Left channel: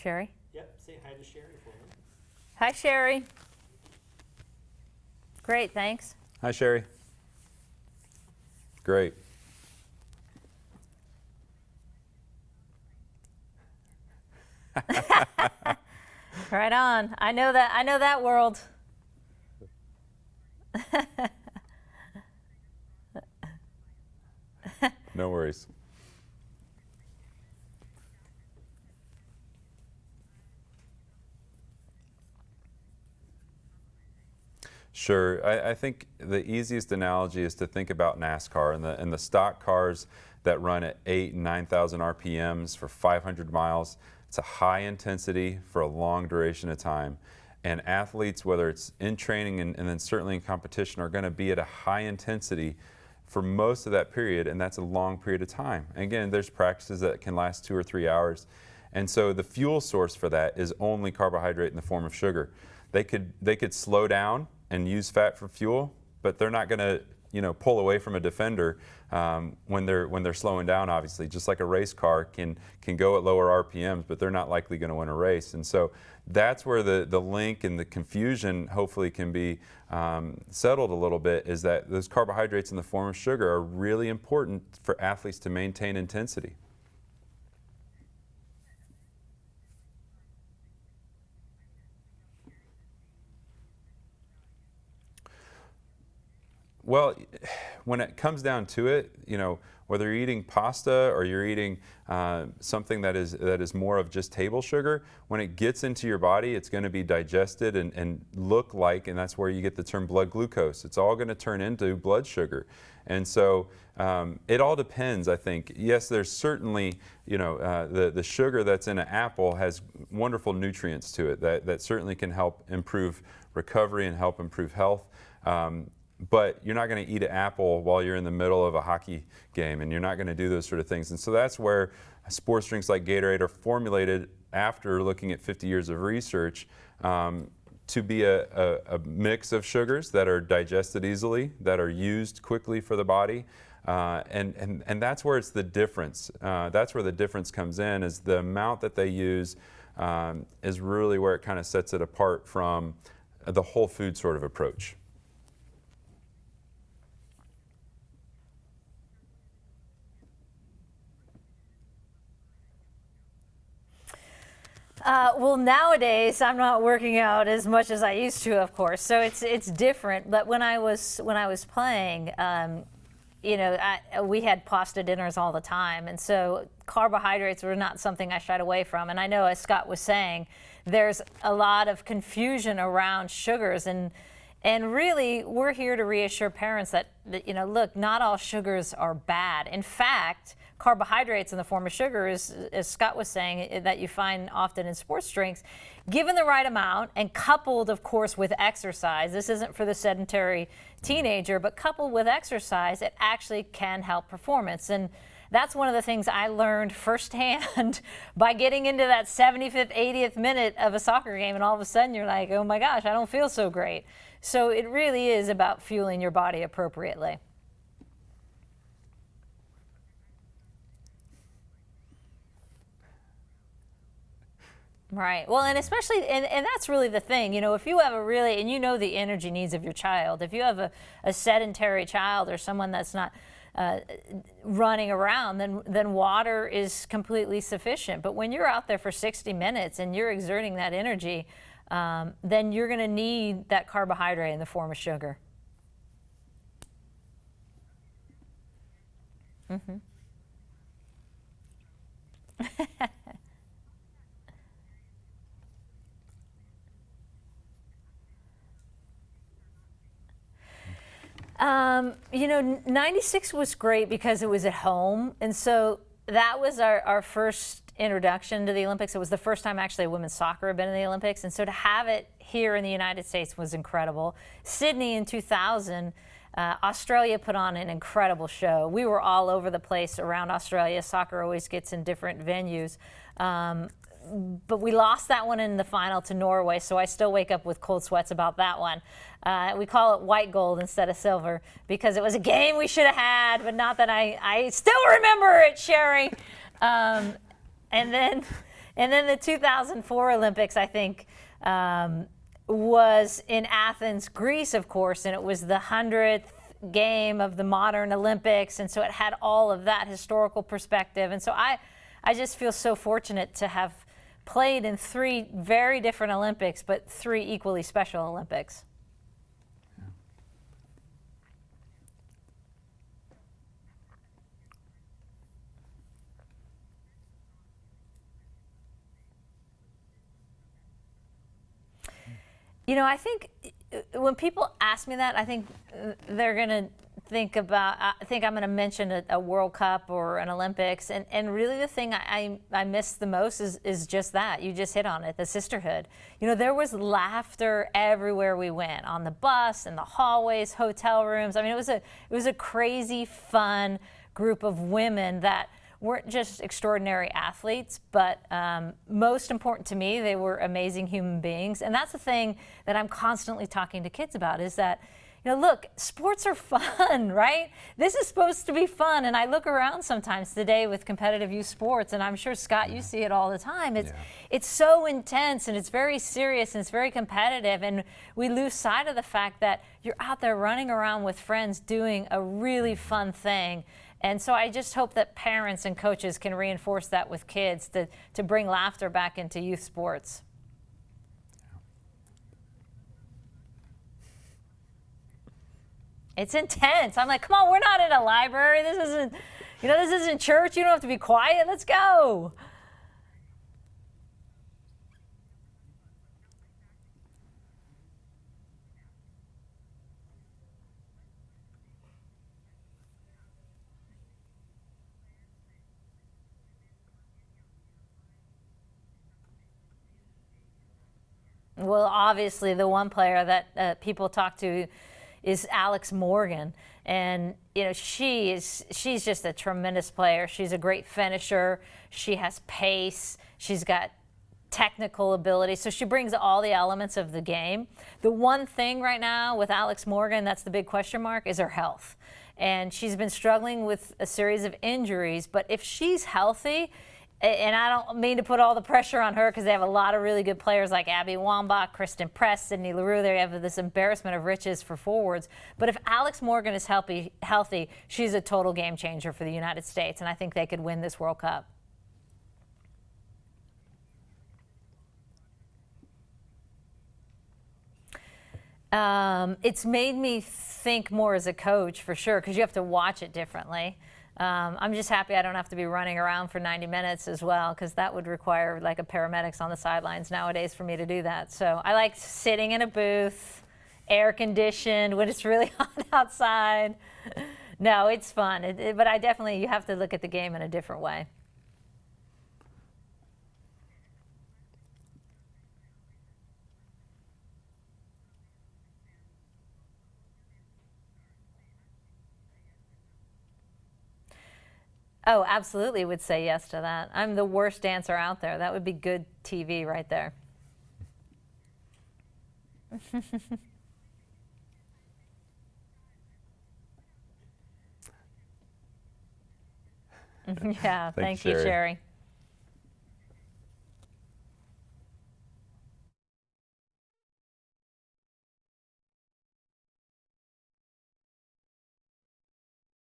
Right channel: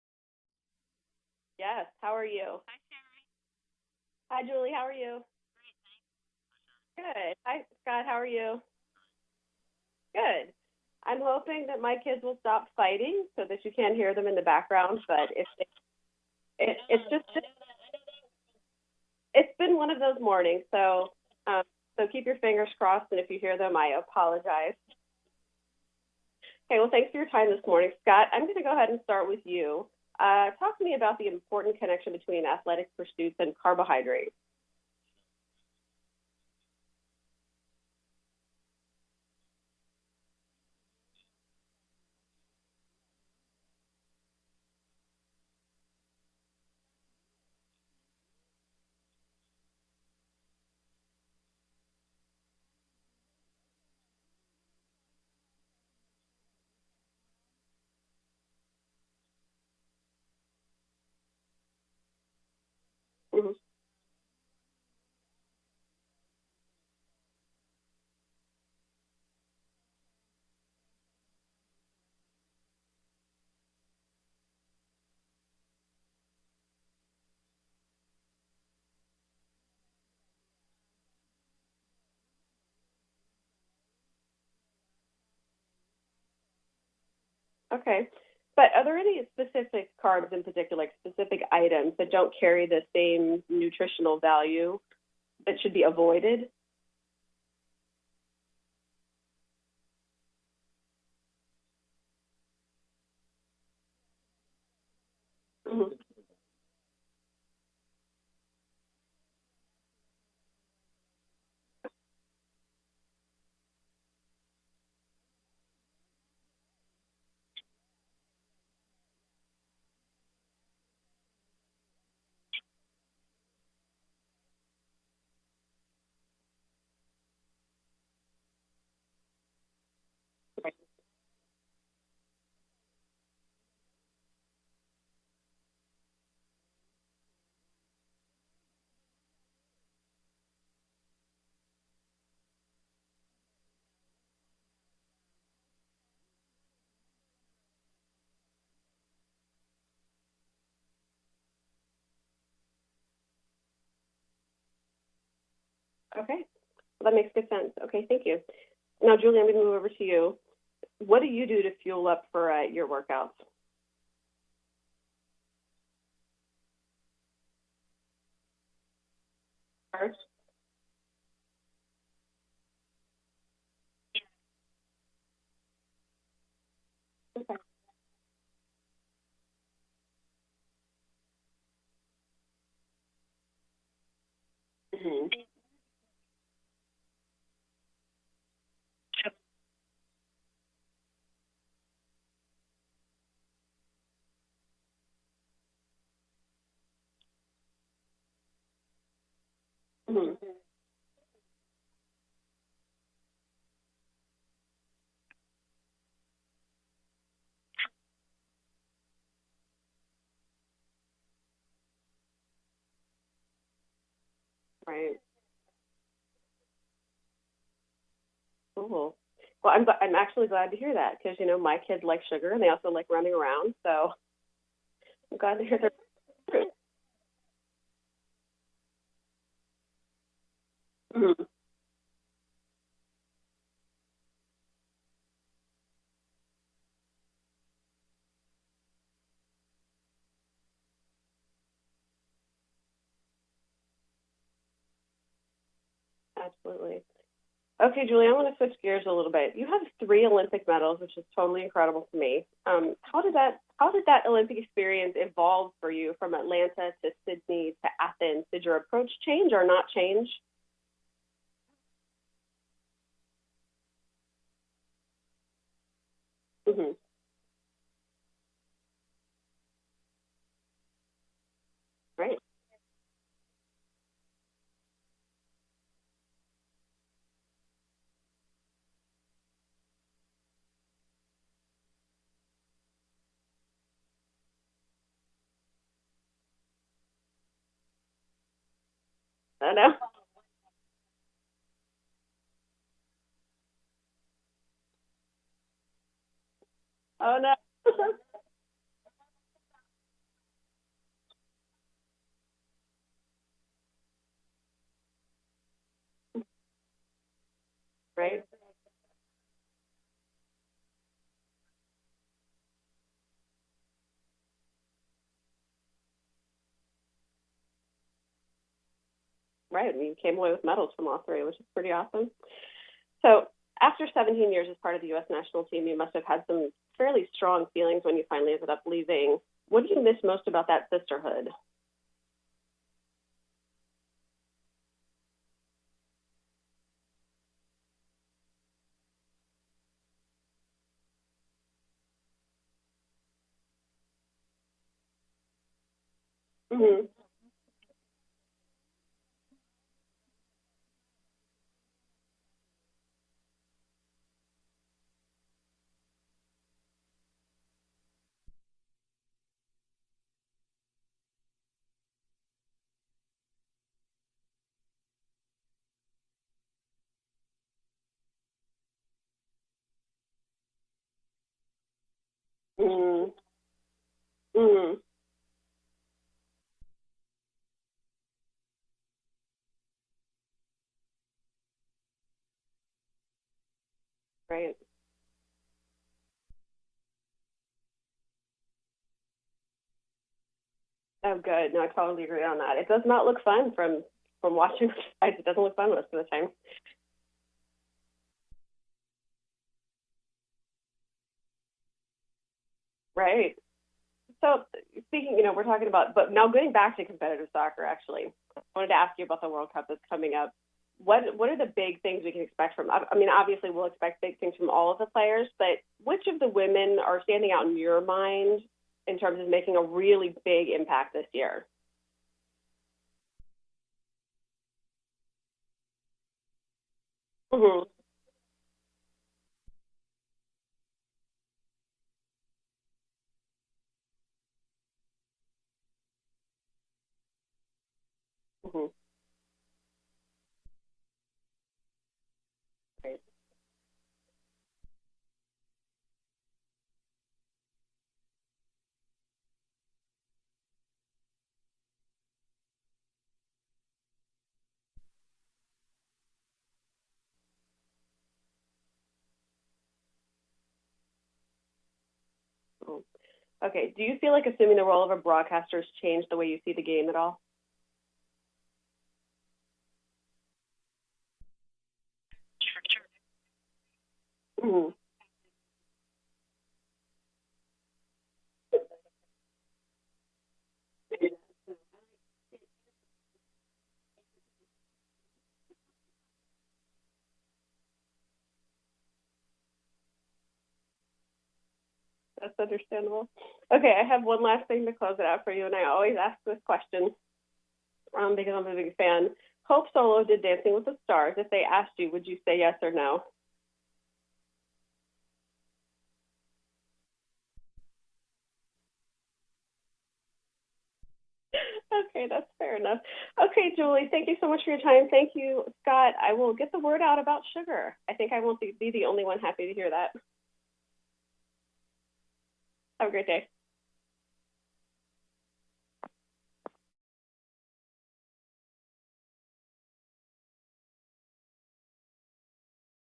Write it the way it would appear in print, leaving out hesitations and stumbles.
Sherry? Yep, say hi to Sherry. Yes, how are you? Hi, Sherry. Hi, Julie, how are you? Great, thanks. Hi, Sherry. Good. Hi, Scott, how are you? Great. Good. I'm hoping that my kids will stop fighting so that you can't hear them in the background. Right on. I know that world. It's been one of those mornings, so so keep your fingers crossed, and if you hear them, I apologize. No worries. Okay, well, thanks for your time this morning. Scott, I'm going to go ahead and start with you. Talk to me about the important connection between athletic pursuits and carbohydrates. Sure. I think the easiest analogy is to think about NASCAR and the stock cars that run at 8,000 and 9,000 RPMs for 500 miles. It's a high intensity for a long duration of time. And athletes, whether it's in training and then certainly in competition, are going to be at a high intensity for most of that period, and that's a long period of time. And again, there's practices that can last 2 or 3 hours. And so the fuel source for that is only carbohydrate in the form of sugar. They could slow down and use fat for fuel, but they're not going to pull away from a defender when they're slowing down. Obviously, just like a race car can go at lower RPMs, but they're not likely going to win a race. And so that's where the link and the confusion hopefully can be settled a little bit, is that those carbohydrates in the form of sugar are really important for athletes to maintain intensity. Okay. But are there any specific carbs in particular, like specific items that don't carry the same nutritional value that should be avoided? Well, when it comes down to it, whether you're eating pasta or you're eating something that is more of just table sugar, when it gets into your body, it's going to be digested and look like, and that's where you get the term blood glucose. It's all going to turn into blood sugar. And so it all depends, I think. Yes, there's certainly, the sugar that's in an apple has wonderful nutrients to it that certainly can help improve recovery and help improve health. But you're not going to eat an apple while you're in the middle of a hockey game, and you're not going to do those sort of things. And so that's where sports drinks like Gatorade are formulated after looking at 50 years of research to be a mix of sugars that are digested easily, that are used quickly for the body. And that's where it's the difference. That's where the difference comes in, is the amount that they use is really where it kind of sets it apart from the whole food sort of approach. Okay, well, that makes good sense. Okay, thank you. Now, Julie, I'm going to move over to you. What do you do to fuel up for your workouts? Well, nowadays I'm not working out as much as I used to, of course. So it's different. But when I was playing, we had pasta dinners all the time, and so carbohydrates were not something I shied away from. And I know, as Scott was saying, there's a lot of confusion around sugars, and really, we're here to reassure parents that look, not all sugars are bad. In fact, carbohydrates in the form of sugar, as Scott was saying, that you find often in sports drinks, given the right amount and coupled, of course, with exercise. This isn't for the sedentary teenager, but coupled with exercise, it actually can help performance. And that's one of the things I learned firsthand by getting into that 75th, 80th minute of a soccer game, and all of a sudden you're like, oh my gosh, I don't feel so great. So it really is about fueling your body appropriately. Cool. Well, I'm actually glad to hear that, because my kids like sugar and they also like running around. So. Right. Well, and especially, and that's really the thing. If you have and the energy needs of your child. If you have a sedentary child or someone that's not running around, then water is completely sufficient. But when you're out there for 60 minutes and you're exerting that energy, then you're going to need that carbohydrate in the form of sugar. Absolutely. Okay, Julie, I want to switch gears a little bit. You have 3 Olympic medals, which is totally incredible to me. How did that Olympic experience evolve for you from Atlanta to Sydney to Athens? Did your approach change or not change? 96 was great because it was at home. And so that was our first introduction to the Olympics. It was the first time actually women's soccer had been in the Olympics. And so to have it here in the United States was incredible. Sydney in 2000, Australia put on an incredible show. We were all over the place around Australia. Soccer always gets in different venues. But we lost that one in the final to Norway, so I still wake up with cold sweats about that one. We call it white gold instead of silver because it was a game we should have had, but not that I still remember it, Sherry. Oh, no. and And then the 2004 Olympics, I think, was in Athens, Greece, of course, and it was the 100th game of the modern Olympics, and so it had all of that historical perspective. And so I just feel so fortunate to have played in 3 very different Olympics, but 3 equally special Olympics. Right, and you came away with medals from all 3, which is pretty awesome. So after 17 years as part of the U.S. national team, you must have had some fairly strong feelings when you finally ended up leaving. What do you miss most about that sisterhood? You know, I think when people ask me that, I think they're going to think I'm going to mention a World Cup or an Olympics. And really the thing I miss the most is just that. You just hit on it, the sisterhood. You know, there was laughter everywhere we went, on the bus, in the hallways, hotel rooms. I mean, it was a crazy, fun group of women that weren't just extraordinary athletes, but most important to me, they were amazing human beings. And that's the thing that I'm constantly talking to kids about, is that, you know, look, sports are fun, right? This is supposed to be fun. And I look around sometimes today with competitive youth sports, and I'm sure, Scott, you see it all the time. It's so intense, and it's very serious, and it's very competitive. And we lose sight of the fact that you're out there running around with friends doing a really fun thing. And so I just hope that parents and coaches can reinforce that with kids to bring laughter back into youth sports. Oh, good. No, I totally agree on that. It does not look fun from watching. It doesn't look fun most of the time. It's intense. I'm like, come on, we're not in a library. This isn't church. You don't have to be quiet. Let's go. Right. So speaking, we're talking about, but now getting back to competitive soccer, actually, I wanted to ask you about the World Cup that's coming up. What are the big things we can expect from? I mean, obviously we'll expect big things from all of the players, but which of the women are standing out in your mind in terms of making a really big impact this year? Well, obviously the one player that people talk to is Alex Morgan, and she's just a tremendous player. She's a great finisher. She has pace. She's got technical ability, so she brings all the elements of the game. The one thing right now with Alex Morgan that's the big question mark is her health, and she's been struggling with a series of injuries. But if she's healthy, and I don't mean to put all the pressure on her because they have a lot of really good players like Abby Wambach, Kristen Press, Sydney Leroux. They have this embarrassment of riches for forwards. But if Alex Morgan is healthy, she's a total game changer for the United States, and I think they could win this World Cup. Okay, do you feel like assuming the role of a broadcaster has changed the way you see the game at all? It's made me think more as a coach, for sure, because you have to watch it differently. I'm just happy I don't have to be running around for 90 minutes as well, because that would require like a paramedics on the sidelines nowadays for me to do that. So I like sitting in a booth, air conditioned when it's really hot outside. No, it's fun, but you have to look at the game in a different way. That's understandable. Okay, I have one last thing to close it out for you, and I always ask this question because I'm a big fan. Hope Solo did Dancing with the Stars. If they asked you, would you say yes or no? Oh, absolutely would say yes to that. I'm the worst dancer out there. That would be good TV right there. Okay, that's fair enough. Okay, Julie, thank you so much for your time. Thank you, Scott. I will get the word out about sugar. I think I won't be the only one happy to hear that. Yeah, thank you, Sherry. Have a great day.